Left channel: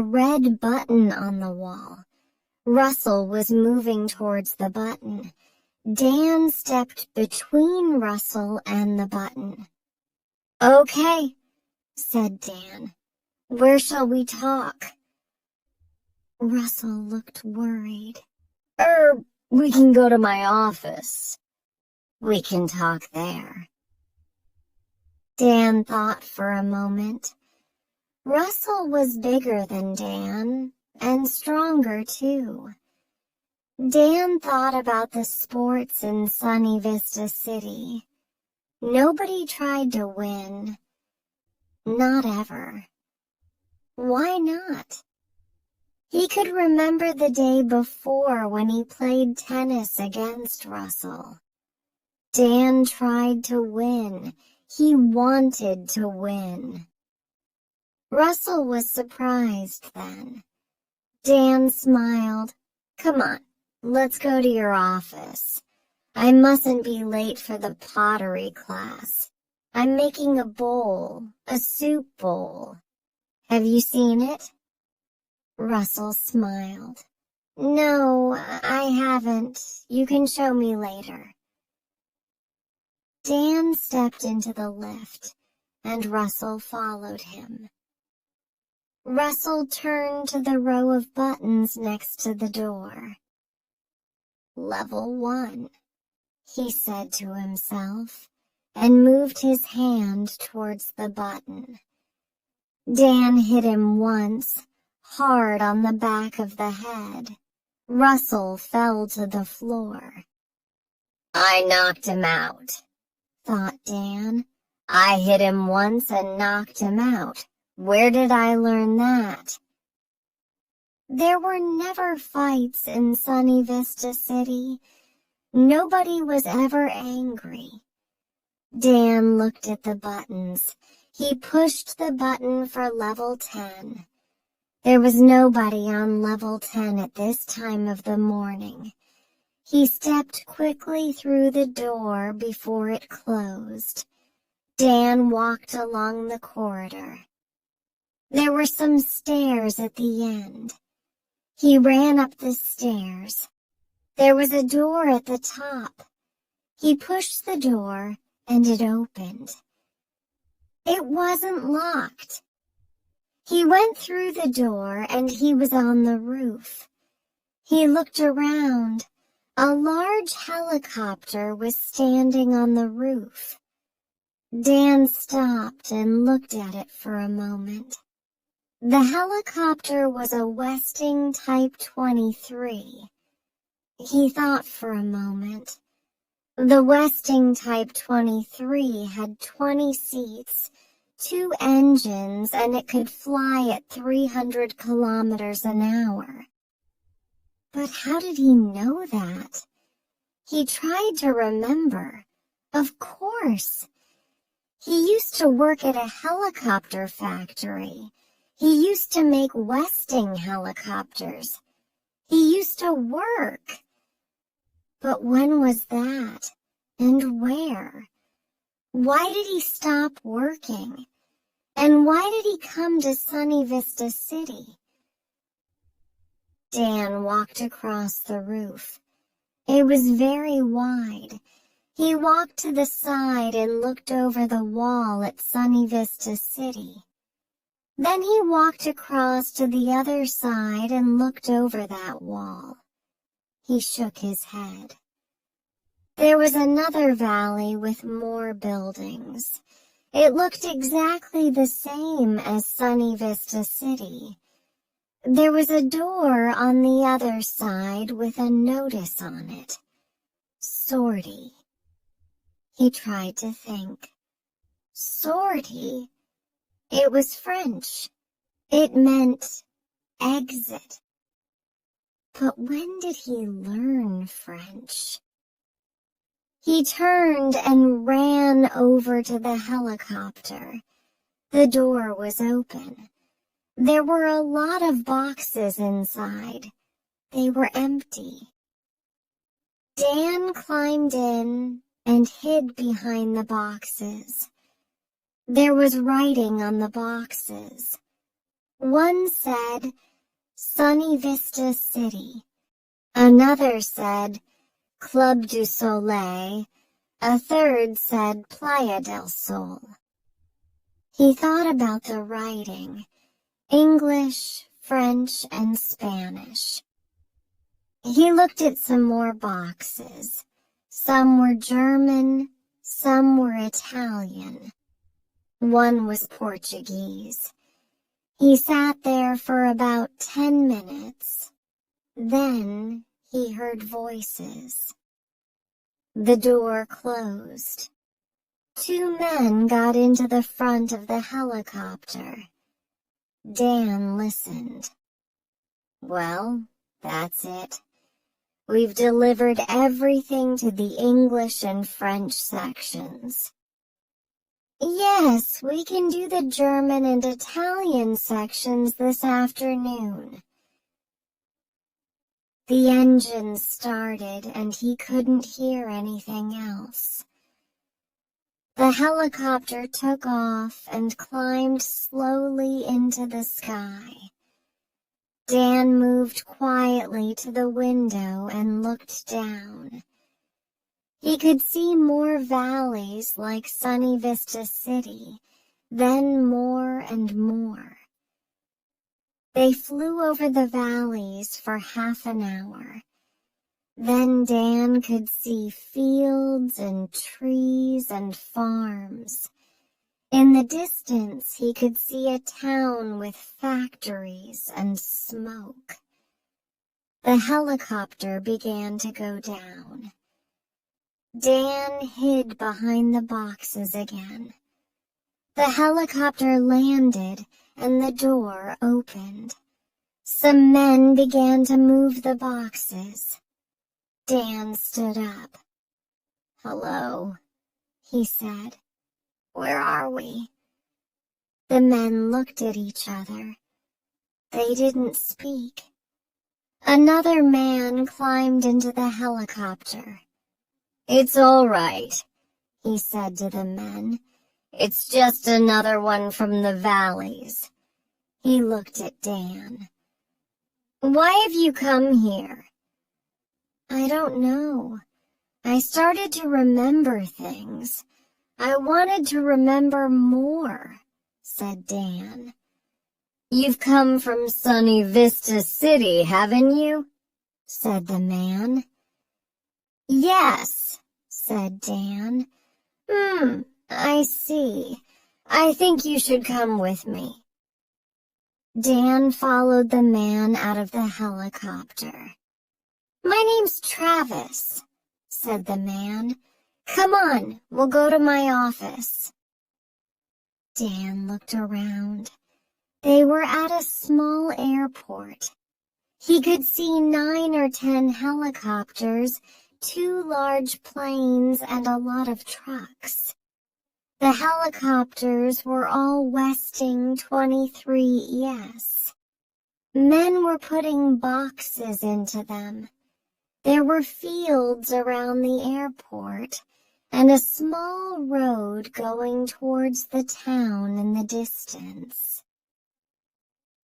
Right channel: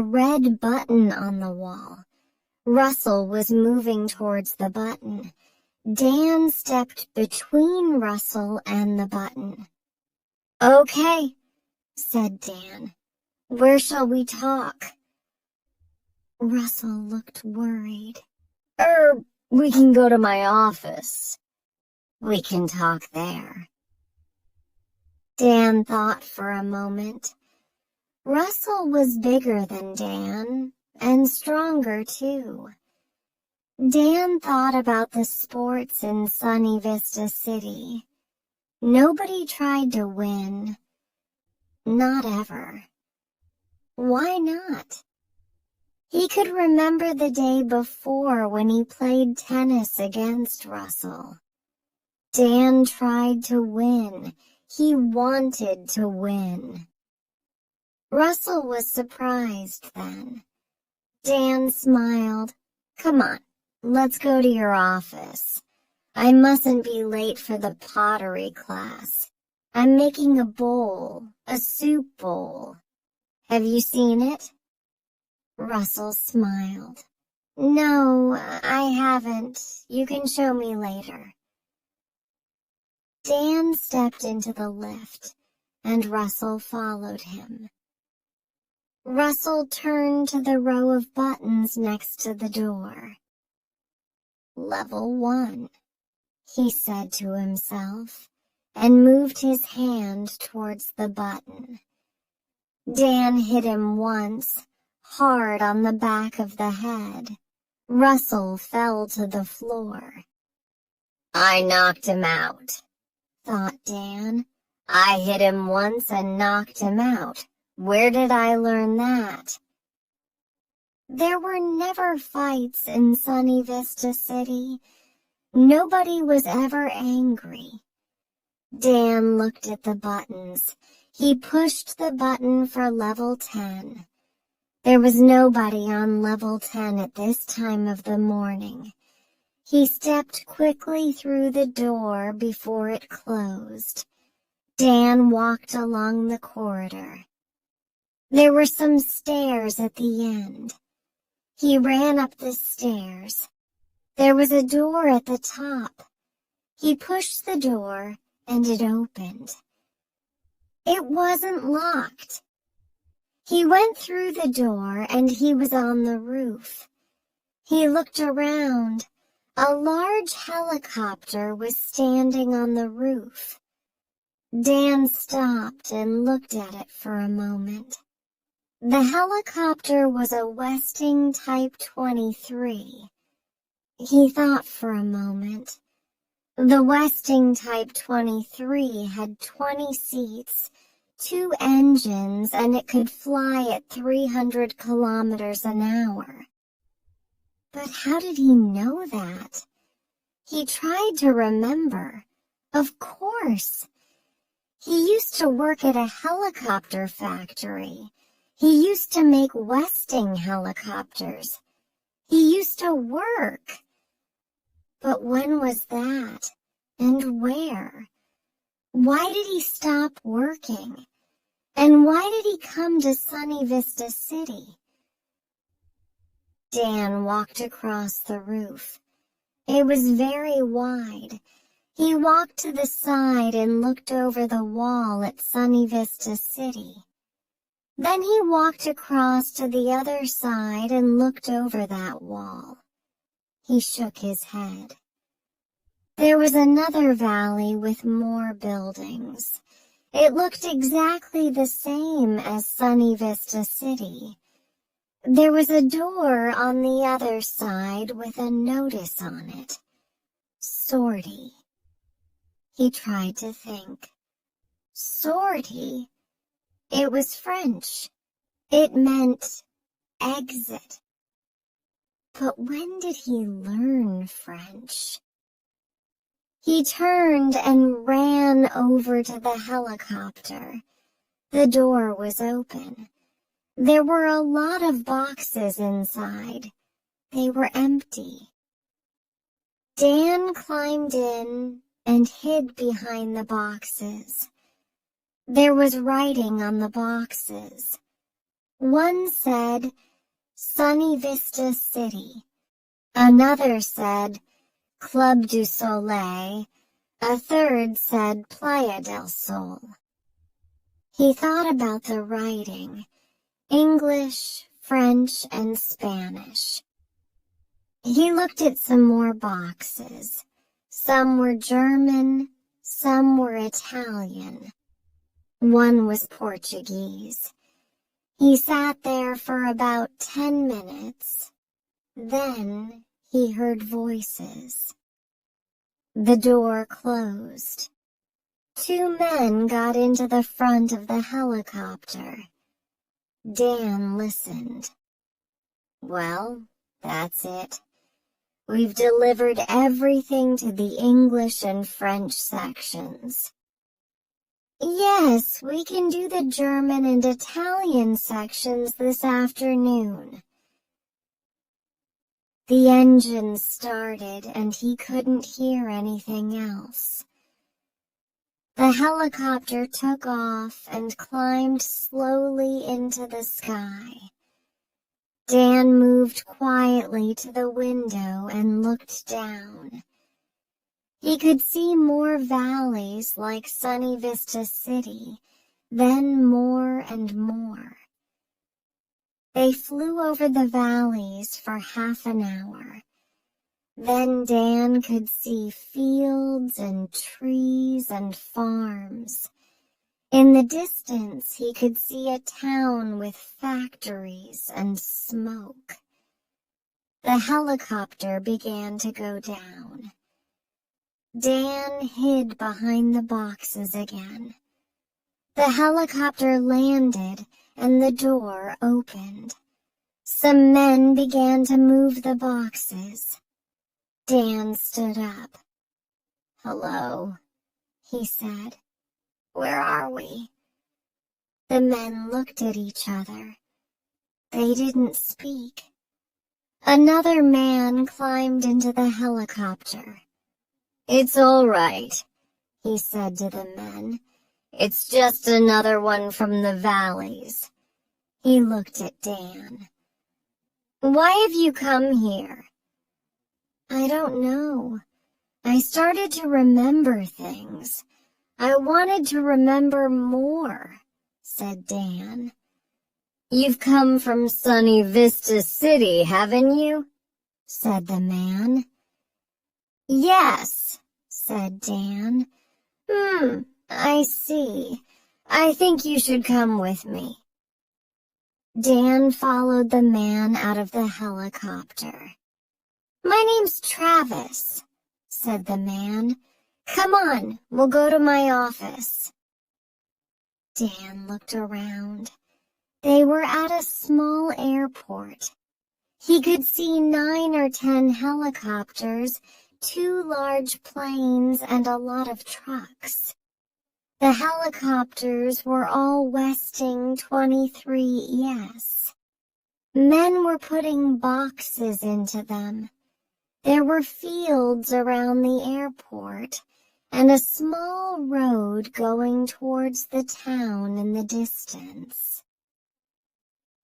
a red button on the wall. Russell was moving towards the button. Dan stepped between Russell and the button. "Okay," said Dan. "Where shall we talk?" Russell looked worried. We can go to my office. We can talk there." Dan thought for a moment. Russell was bigger than Dan, and stronger too. Dan thought about the sports in Sunny Vista City. Nobody tried to win. Not ever. Why not? He could remember the day before when he played tennis against Russell. Dan tried to win. He wanted to win. Russell was surprised then. Dan smiled. "Come on, let's go to your office. I mustn't be late for the pottery class. I'm making a bowl, a soup bowl. Have you seen it?" Russell smiled. "No, I haven't. You can show me later." Dan stepped into the lift, and Russell followed him. Russell turned to the row of buttons next to the door. "Level 1, he said to himself, and moved his hand towards the button. Dan hit him once, hard on the back of the head. Russell fell to the floor. "I knocked him out," thought Dan. "I hit him once and knocked him out. Where did I learn that?" There were never fights in Sunny Vista City. Nobody was ever angry. Dan looked at the buttons. He pushed the button for level 10. There was nobody on level 10 at this time of the morning. He stepped quickly through the door before it closed. Dan walked along the corridor. There were some stairs at the end. He ran up the stairs. There was a door at the top. He pushed the door, and it opened. It wasn't locked. He went through the door, and he was on the roof. He looked around. A large helicopter was standing on the roof. Dan stopped and looked at it for a moment. The helicopter was a Westing Type 23. He thought for a moment. The Westing Type 23 had 20 seats, 2 engines, and it could fly at 300 kilometers an hour. But how did he know that? He tried to remember. Of course. He used to work at a helicopter factory. He used to make Westing helicopters. He used to work. But when was that? And where? Why did he stop working? And why did he come to Sunny Vista City? Dan walked across the roof. It was very wide. He walked to the side and looked over the wall at Sunny Vista City. Then he walked across to the other side and looked over that wall. He shook his head. There was another valley with more buildings. It looked exactly the same as Sunny Vista City. There was a door on the other side with a notice on it. Sortie. He tried to think. Sortie? It was French. It meant exit. But when did he learn French? He turned and ran over to the helicopter. The door was open. There were a lot of boxes inside. They were empty. Dan climbed in and hid behind the boxes. There was writing on the boxes. One said, Sunny Vista City. Another said, Club du Soleil. A third said, Playa del Sol. He thought about the writing, English, French, and Spanish. He looked at some more boxes. Some were German, some were Italian. One was Portuguese. He sat there for about 10 minutes. Then he heard voices. The door closed. 2 men got into the front of the helicopter. Dan listened. Well, that's it. We've delivered everything to the English and French sections. Yes, we can do the German and Italian sections this afternoon. The engine started and he couldn't hear anything else. The helicopter took off and climbed slowly into the sky. Dan moved quietly to the window and looked down. He could see more valleys like Sunny Vista City, then more and more. They flew over the valleys for half an hour. Then Dan could see fields and trees and farms. In the distance, he could see a town with factories and smoke. The helicopter began to go down. Dan hid behind the boxes again. The helicopter landed and the door opened. Some men began to move the boxes. Dan stood up. "Hello," he said. "Where are we?" The men looked at each other. They didn't speak. Another man climbed into the helicopter. "It's all right," he said to the men. "It's just another one from the valleys." He looked at Dan. "Why have you come here?" "I don't know. I started to remember things. I wanted to remember more," said Dan. "You've come from Sunny Vista City, haven't you?" said the man. "Yes," said Dan. I see. I think you should come with me." Dan followed the man out of the helicopter. "My name's Travis," said the man. "Come on, we'll go to my office." Dan looked around. They were at a small airport. He could see 9 or 10 helicopters, 2 large planes, and a lot of trucks. The helicopters were all Westing 23ES. Men were putting boxes into them. There were fields around the airport and a small road going towards the town in the distance.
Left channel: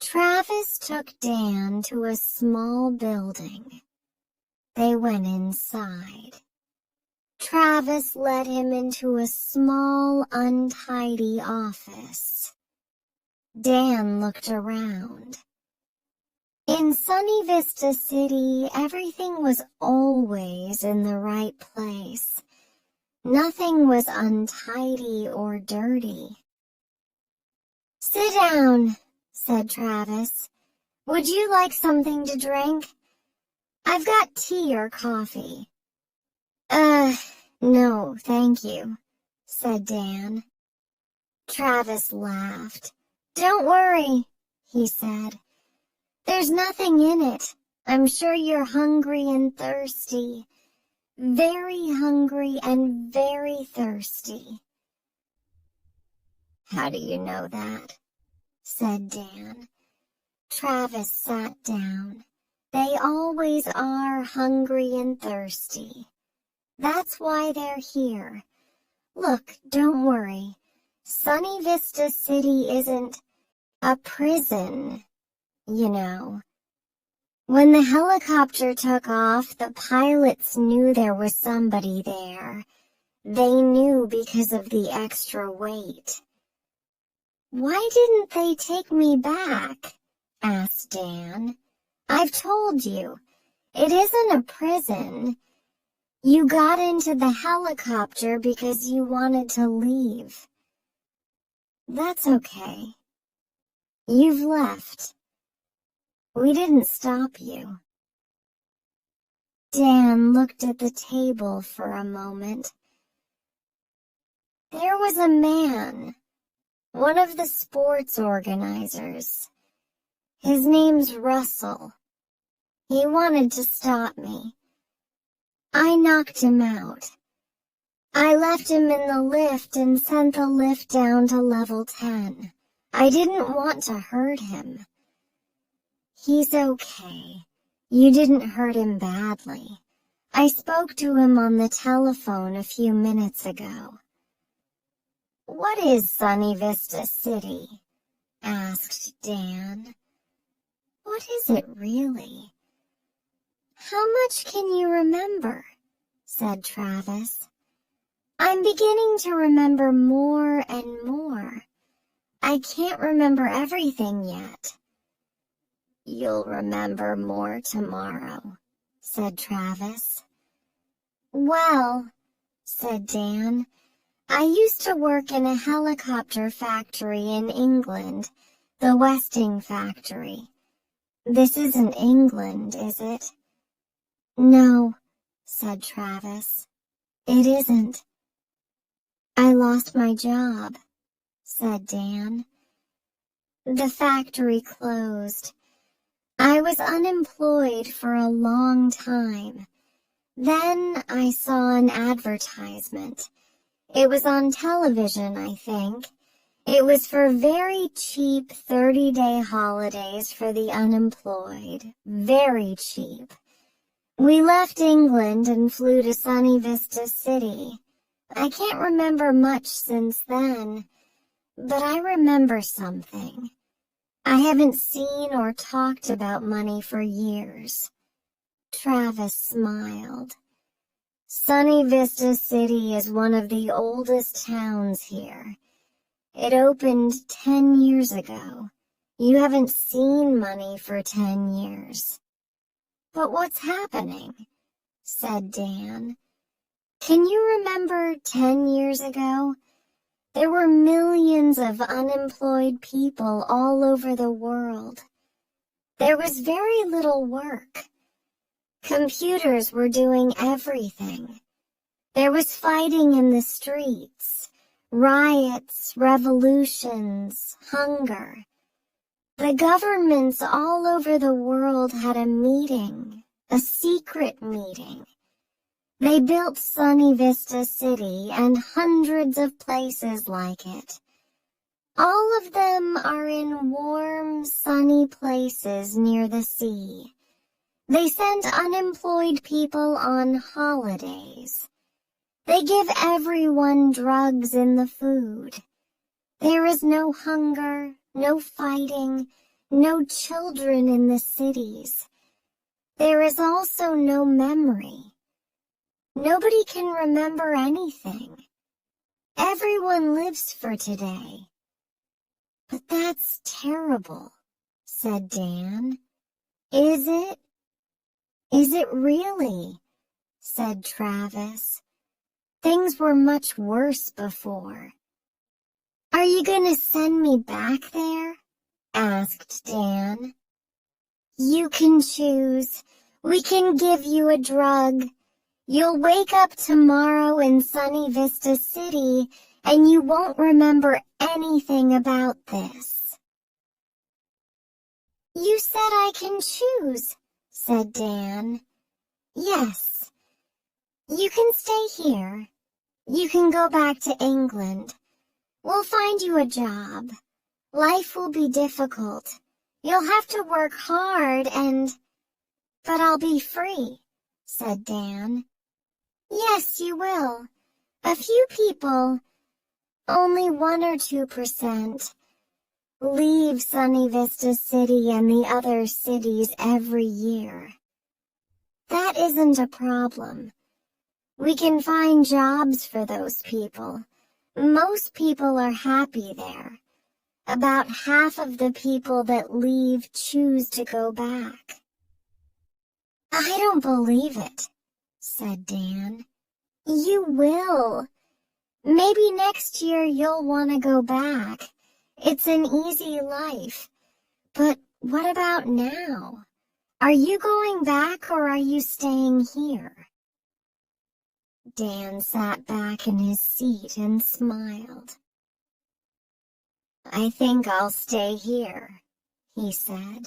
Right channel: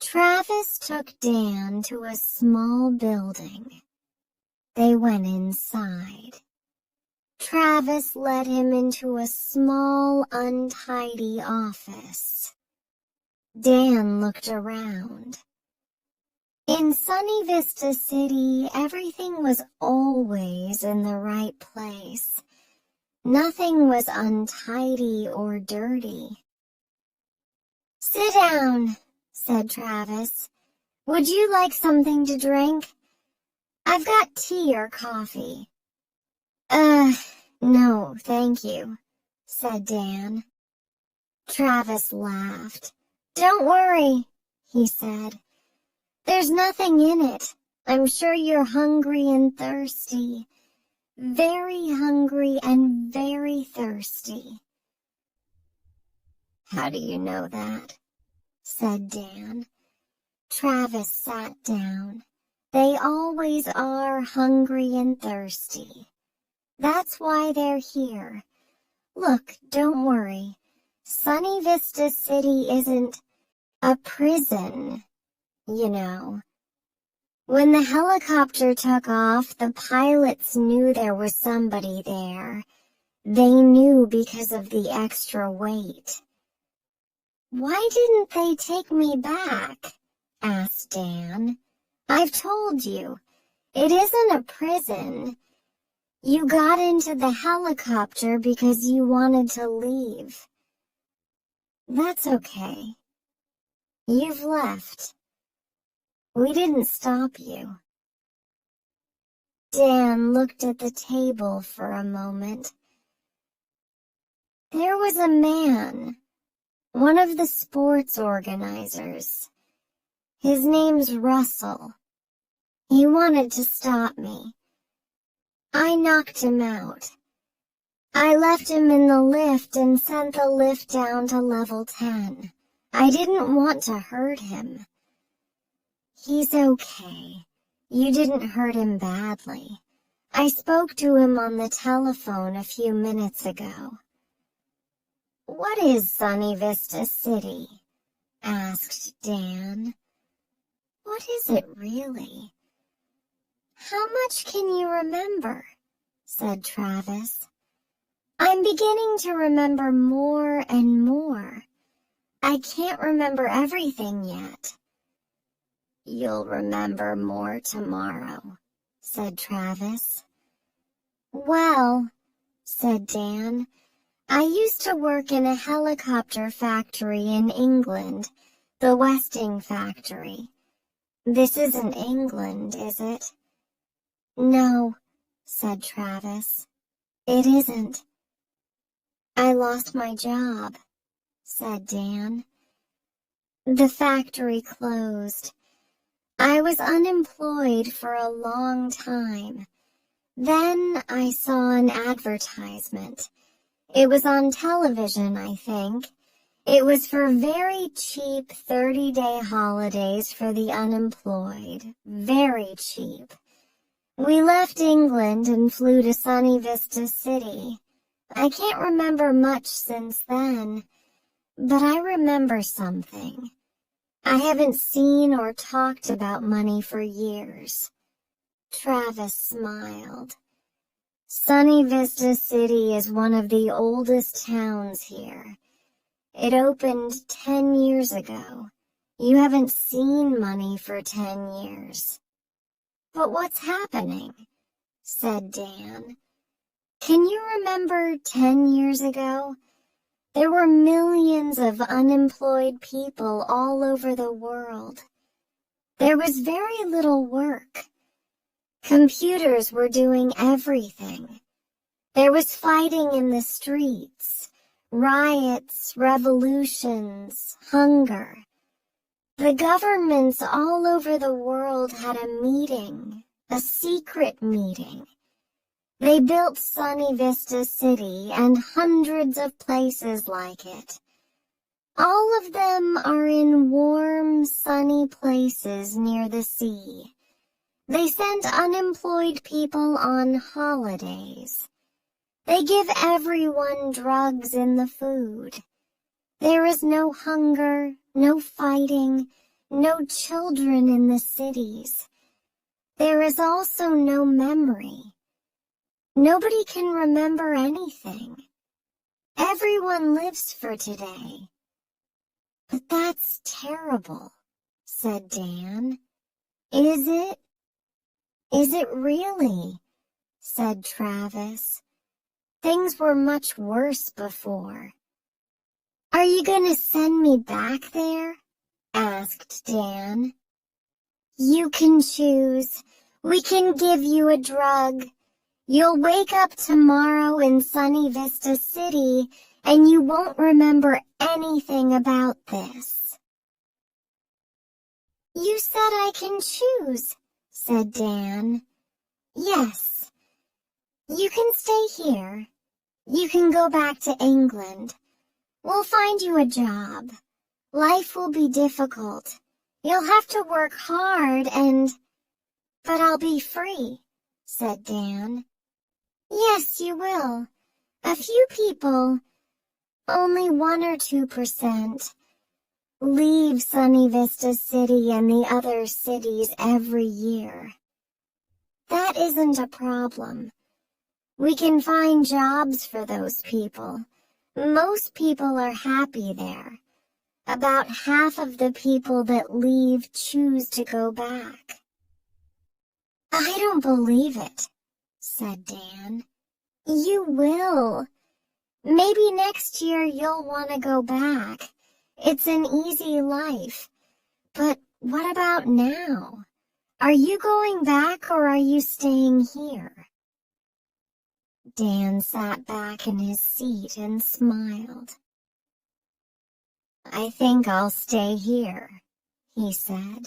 Travis took Dan to a small building. They went inside. Travis led him into a small, untidy office. Dan looked around. In Sunny Vista City, everything was always in the right place. Nothing was untidy or dirty. "Sit down," said Travis. "Would you like something to drink? I've got tea or coffee." No, thank you," said Dan. Travis laughed. "Don't worry," he said. "There's nothing in it. I'm sure you're hungry and thirsty. Very hungry and very thirsty." "How do you know that?" said Dan. Travis sat down. "They always are hungry and thirsty. That's why they're here. Look, don't worry. Sunny Vista City isn't..." A prison, you know. When the helicopter took off, the pilots knew there was somebody there. They knew because of the extra weight. "Why didn't they take me back?" asked Dan. "I've told you, it isn't a prison. You got into the helicopter because you wanted to leave. That's okay. You've left. We didn't stop you." Dan looked at the table for a moment. There was a man, one of the sports organizers. His name's Russell. He wanted to stop me. I knocked him out. I left him in the lift and sent the lift down to level 10. I didn't want to hurt him. He's okay. You didn't hurt him badly. I spoke to him on the telephone a few minutes ago. "What is Sunny Vista City?" asked Dan. "What is it really?" "How much can you remember?" said Travis. "I'm beginning to remember more and more. I can't remember everything yet." "You'll remember more tomorrow," said Travis. "Well," said Dan, "I used to work in a helicopter factory in England, the Westing factory. This isn't England, is it?" "No," said Travis. "It isn't." "I lost my job," said Dan. "The factory closed. I was unemployed for a long time. Then I saw an advertisement. It was on television, I think. It was for very cheap 30-day holidays for the unemployed. Very cheap. We left England and flew to Sunny Vista City. I can't remember much since then, but I remember something. I haven't seen or talked about money for years." Travis smiled. "Sunny Vista City is one of the oldest towns here. It opened 10 years ago. You haven't seen money for 10 years. "But what's happening?" said Dan. "Can you remember 10 years ago? There were millions of unemployed people all over the world. There was very little work. Computers were doing everything. There was fighting in the streets, riots, revolutions, hunger. The governments all over the world had a meeting, a secret meeting. They built Sunny Vista City and hundreds of places like it. All of them are in warm, sunny places near the sea. They send unemployed people on holidays. They give everyone drugs in the food. There is no hunger, no fighting, no children in the cities. There is also no memory. Nobody can remember anything. Everyone lives for today." "But that's terrible," said Dan. "Is it?" "Is it really?" said Travis. "Things were much worse before." "Are you going to send me back there?" asked Dan. "You can choose. We can give you a drug. You'll wake up tomorrow in Sunny Vista City, and you won't remember anything about this." "You said I can choose," said Dan. "Yes. You can stay here. You can go back to England. We'll find you a job. Life will be difficult. You'll have to work hard But I'll be free," said Dan. "Yes, you will. A few people, only 1 or 2%, leave Sunny Vista City and the other cities every year. That isn't a problem. We can find jobs for those people. Most people are happy there. About half of the people that leave choose to go back. I don't believe it, said Dan. You will. Maybe next year you'll want to go back. It's an easy life. But what about now? Are you going back or are you staying here? Dan sat back in his seat and smiled. I think I'll stay here, he said.